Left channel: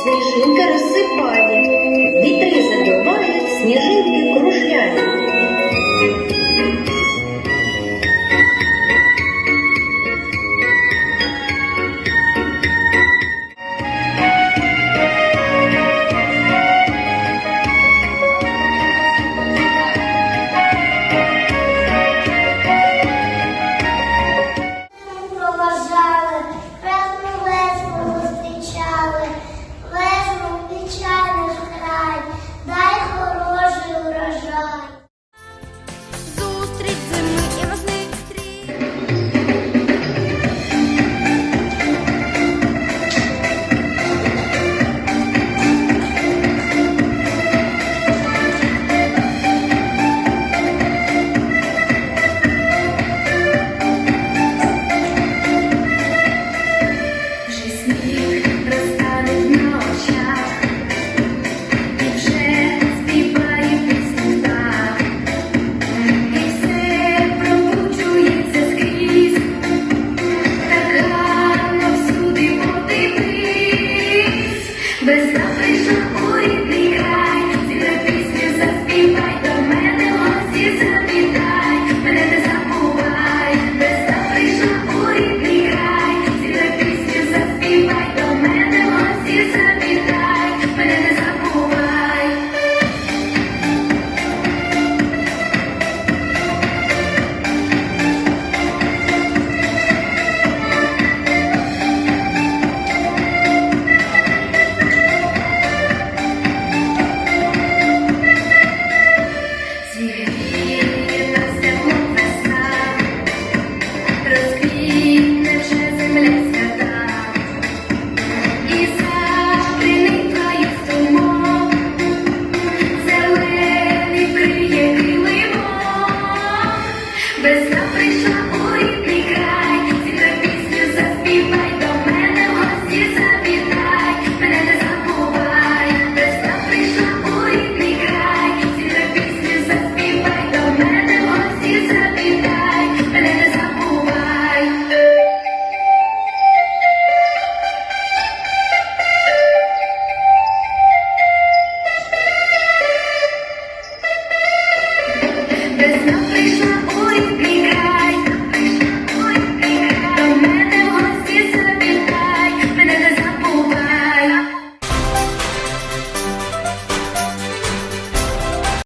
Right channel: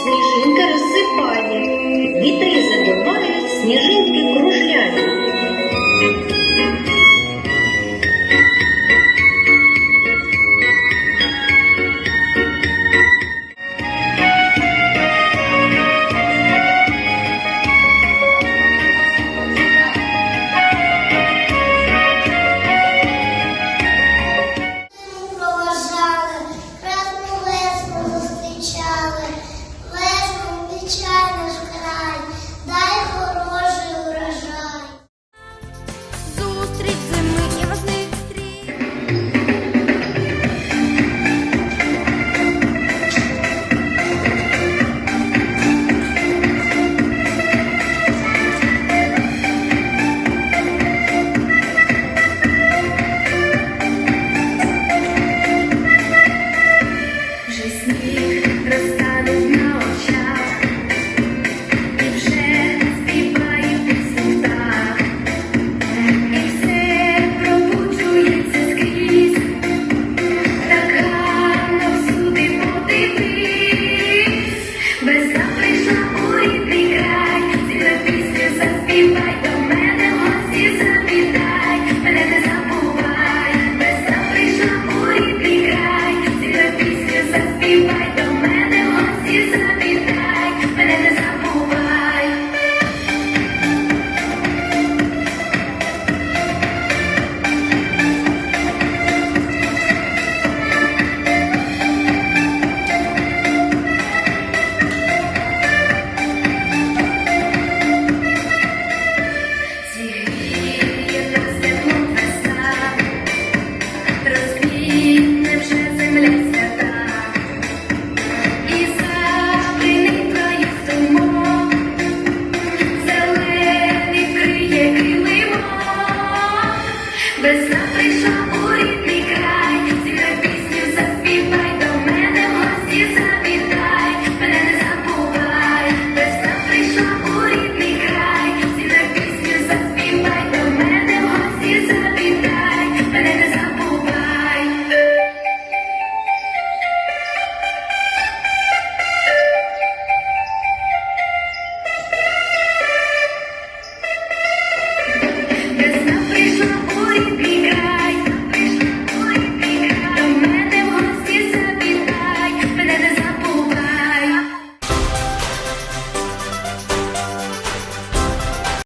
сніжинки.